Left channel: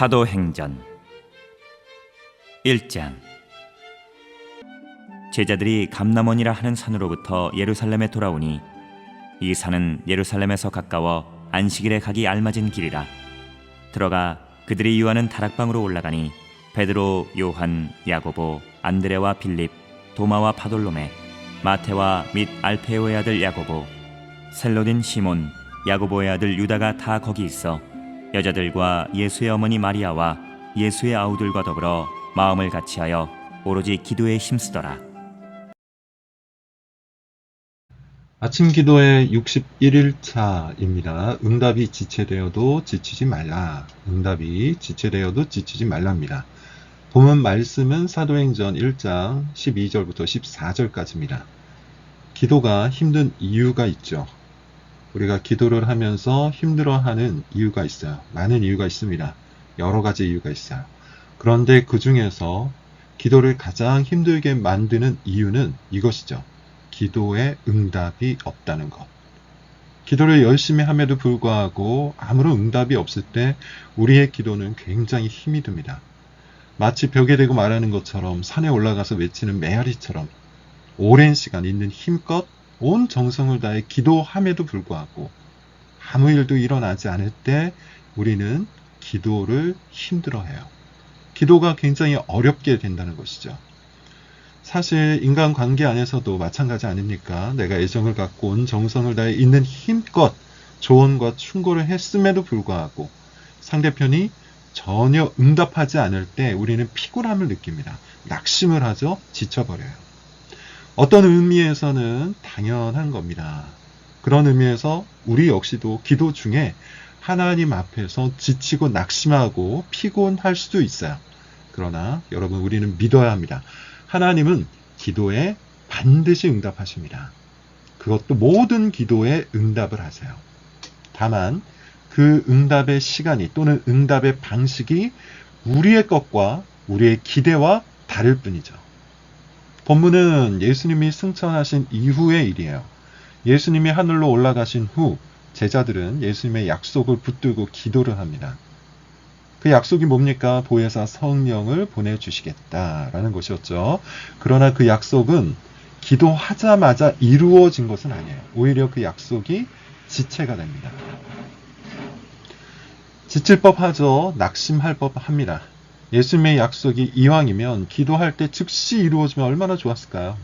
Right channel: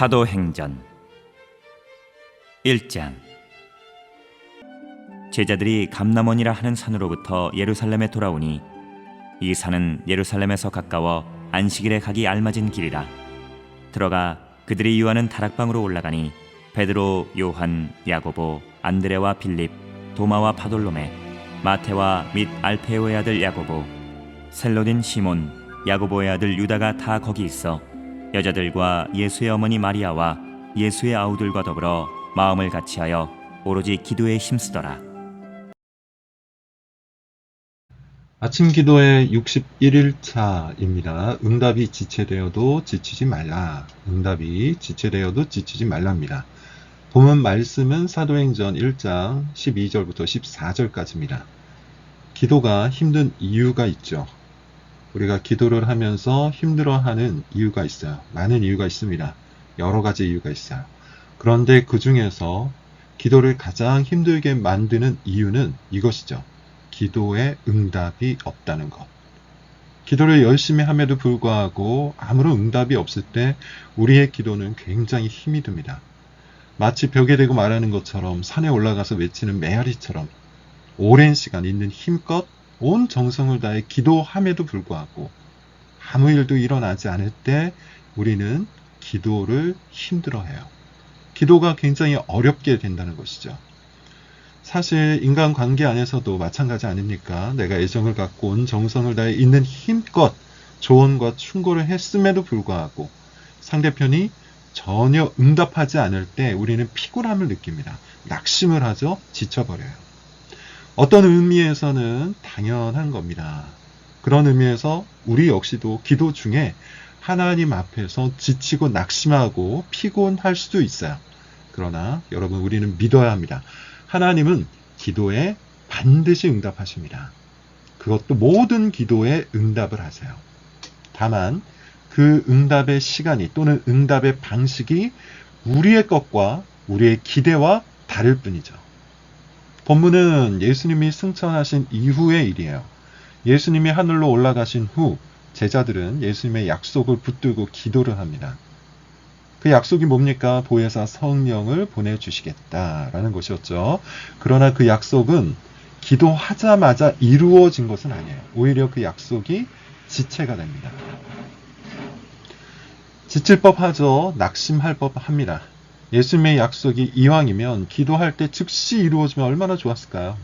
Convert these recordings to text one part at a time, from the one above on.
사도행전 1장. 제자들이 감람원이라 하는 산으로부터 예루살렘에 돌아오니 이 산은 예루살렘에서 가까워 안식일에 가기 알맞은 길이라. 들어가 그들이 유하는 다락방으로 올라가니 베드로, 요한, 야고보, 안드레와 빌립, 도마와 바돌로메, 마테와 및 알페오의 아들 야고보, 셀로딘 시몬, 야고보의 아들 유다가 다 거기 있어 여자들과 예수의 어머니 마리아와 예수의 아우들과 더불어 마음을 같이하여 오로지 기도에 힘쓰더라. 아침 기도의 61일차입니다. 응답이 지체되어도 지치지 말라. 응답이 지체되어도 지치지 말랍니다. 본문 말씀은 사도행전 1장 12절부터 14절까지입니다. 기도가 힘든 이유가 있죠. 우리가 기도를 하면서 힘들어하는 이유가 있어요. 많은 이유가 있습니다. 여러 가지 이유가 있어요. 그런데 그 중에서 기도를 가장 힘들게 만드는 이유는 이것이죠. 기도에 응답이 없다는 것. 기도를 열심히 함에도 불구하고 아무런 응답이 없을 때 우리의 기도는 굉장히 힘이 듭니다. 마치 벽에 대고 말하는 것처럼 산에 올라가서 외치는 메아리처럼 오랜 시간 있는 힘껏 온 정성을 다해 기도함에도 불구하고 아무 일도 일어나지 않을 때 우리는 기도를 힘들어해요. 기도가 굉장히 어렵게 된다는 것이죠. 사실 인간관계 안에서도 마찬가지 아닙니까? 내가 애정을 갖고 온 정성을 다해 있는 힘껏 조언과 충고를 했음에도 불구하고 상대편이 전혀 응답하지 않을 때 우리는 피곤함을 느낍니다. 낙심을 하죠. 지쳐버려요. 어떤 의미에서는 당연한 겁니다. 그런 의미에서 우리 역시도 기도 중에 하나님 앞에서 지치고 낙심하고 피곤할 수도 있어요. 그러나 여러분, 우리는 믿어야 합니다. 하나님은 기도에 반드시 응답하십니다. 그것도 모든 기도에 응답을 하세요. 다만 그 응답의 시간이 또는 응답의 방식이 우리의 것과 우리의 기대와 다를 뿐이죠. 본문은 예수님이 승천하신 이후의 일이에요. 예수님이 하늘로 올라가신 후 제자들은 예수님의 약속을 붙들고 기도를 합니다. 그 약속이 뭡니까? 보혜사 성령을 보내주시겠다라는 것이었죠. 그러나 그 약속은 기도하자마자 이루어진 것은 아니에요. 오히려 그 약속이 지체가 됩니다. 지칠 법하죠. 낙심할 법합니다. 예수님의 약속이 이왕이면 기도할 때 즉시 이루어지면 얼마나 좋았을까요?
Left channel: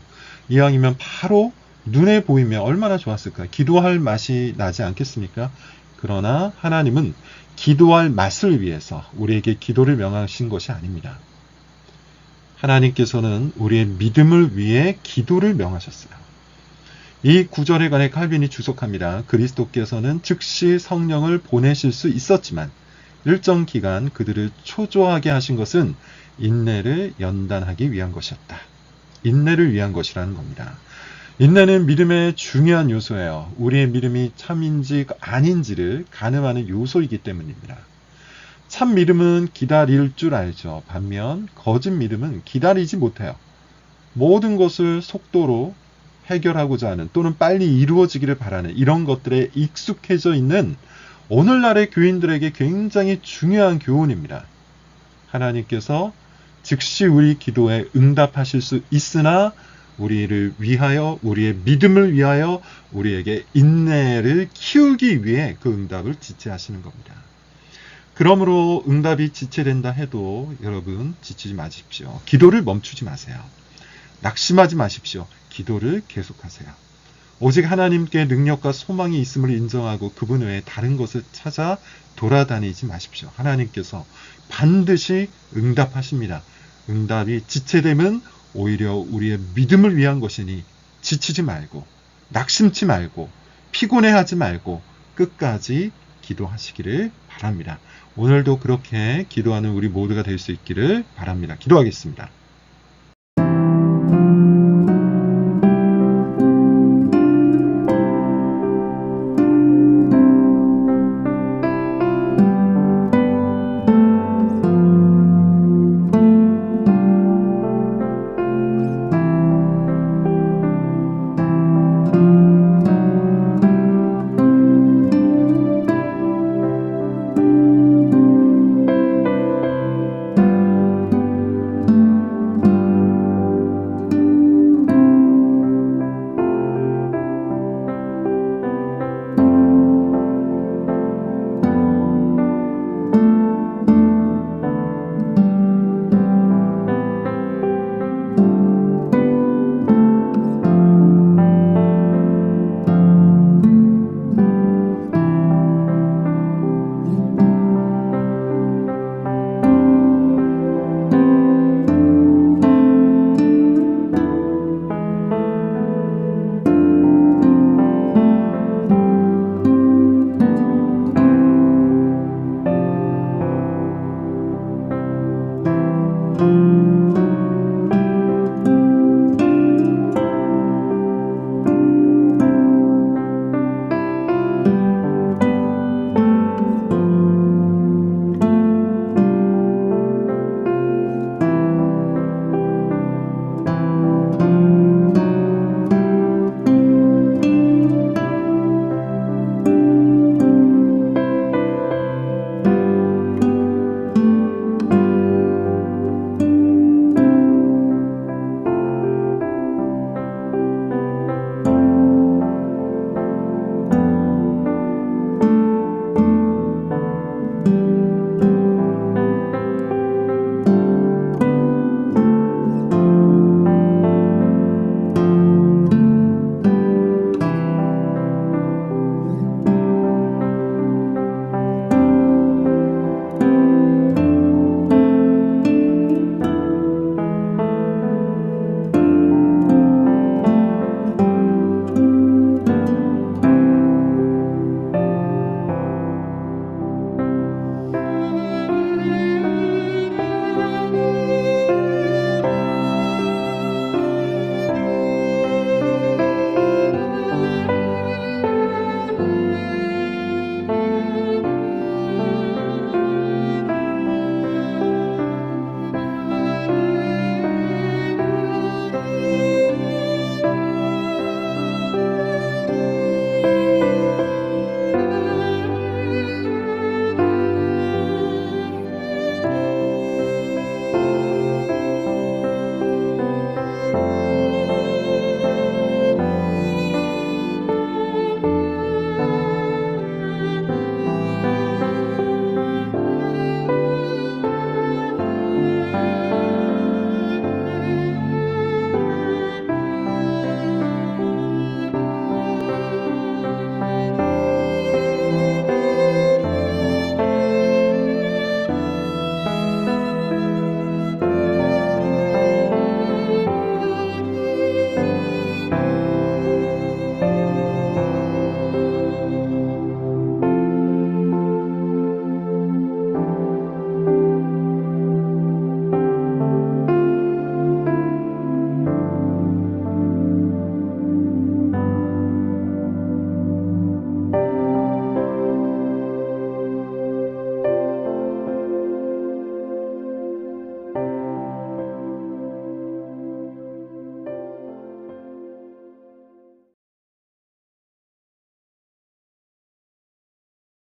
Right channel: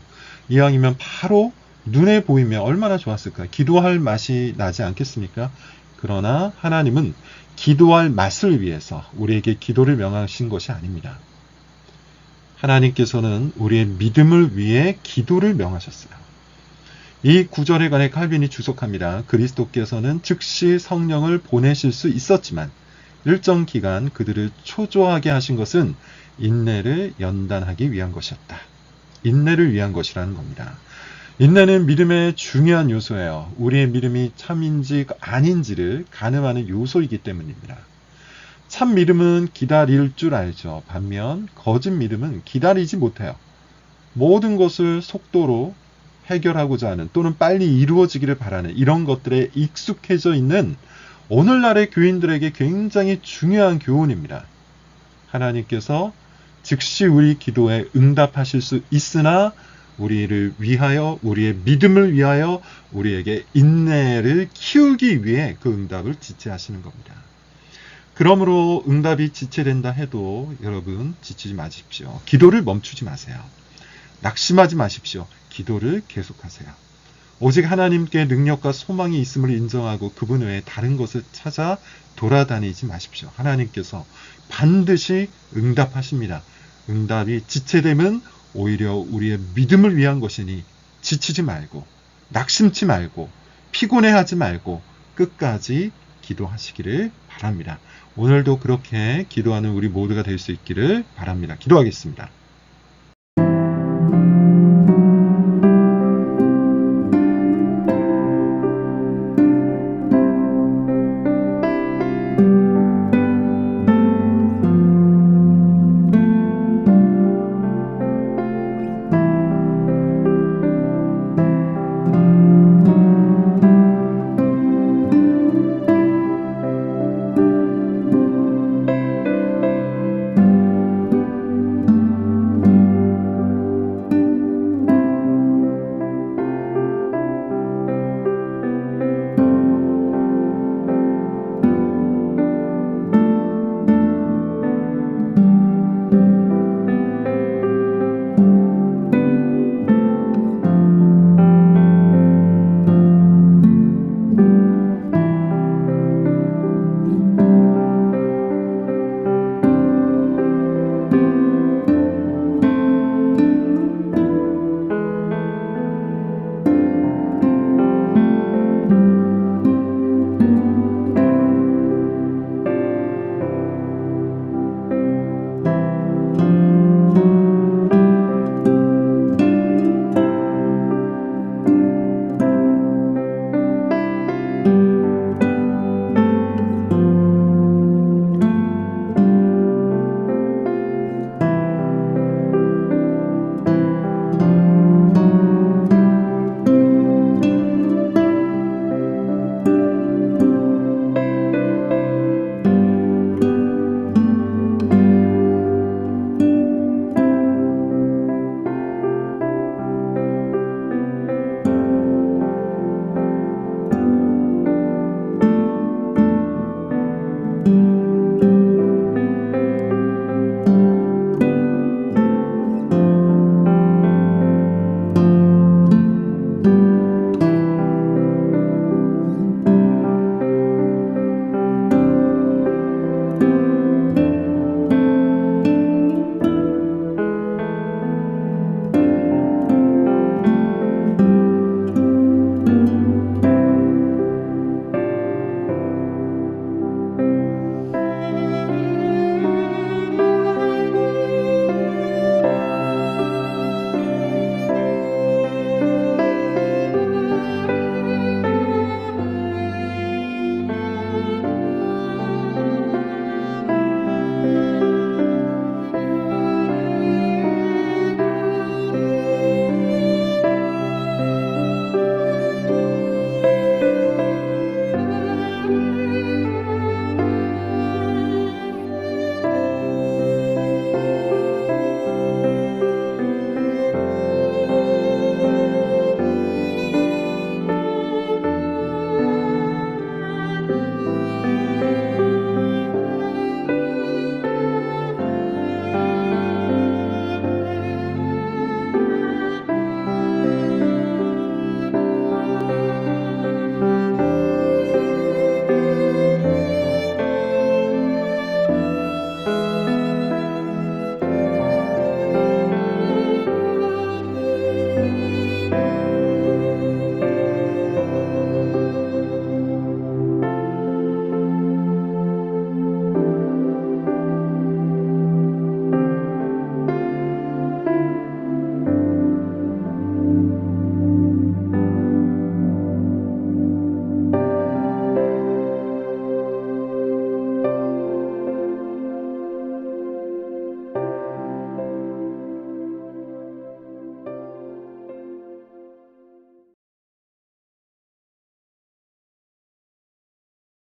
이왕이면 바로 눈에 보이면 얼마나 좋았을까요? 기도할 맛이 나지 않겠습니까? 그러나 하나님은 기도할 맛을 위해서 우리에게 기도를 명하신 것이 아닙니다. 하나님께서는 우리의 믿음을 위해 기도를 명하셨어요. 이 구절에 관해 칼빈이 주석합니다. 그리스도께서는 즉시 성령을 보내실 수 있었지만 일정 기간 그들을 초조하게 하신 것은 인내를 연단하기 위한 것이었다. 인내를 위한 것이라는 겁니다. 인내는 믿음의 중요한 요소예요. 우리의 믿음이 참인지 아닌지를 가늠하는 요소이기 때문입니다. 참 믿음은 기다릴 줄 알죠. 반면 거짓 믿음은 기다리지 못해요. 모든 것을 속도로 해결하고자 하는 또는 빨리 이루어지기를 바라는 이런 것들에 익숙해져 있는 오늘날의 교인들에게 굉장히 중요한 교훈입니다. 하나님께서 즉시 우리 기도에 응답하실 수 있으나 우리를 위하여, 우리의 믿음을 위하여 우리에게 인내를 키우기 위해 그 응답을 지체하시는 겁니다. 그러므로 응답이 지체된다 해도 여러분 지치지 마십시오. 기도를 멈추지 마세요. 낙심하지 마십시오. 기도를 계속하세요. 오직 하나님께 능력과 소망이 있음을 인정하고 그분 외에 다른 것을 찾아 돌아다니지 마십시오. 하나님께서 반드시 응답하십니다. 응답이 지체되면 오히려 우리의 믿음을 위한 것이니 지치지 말고 낙심치 말고 피곤해하지 말고 끝까지 기도하시기를 바랍니다. 오늘도 그렇게 기도하는 우리 모두가 될 수 있기를 바랍니다. 기도하겠습니다.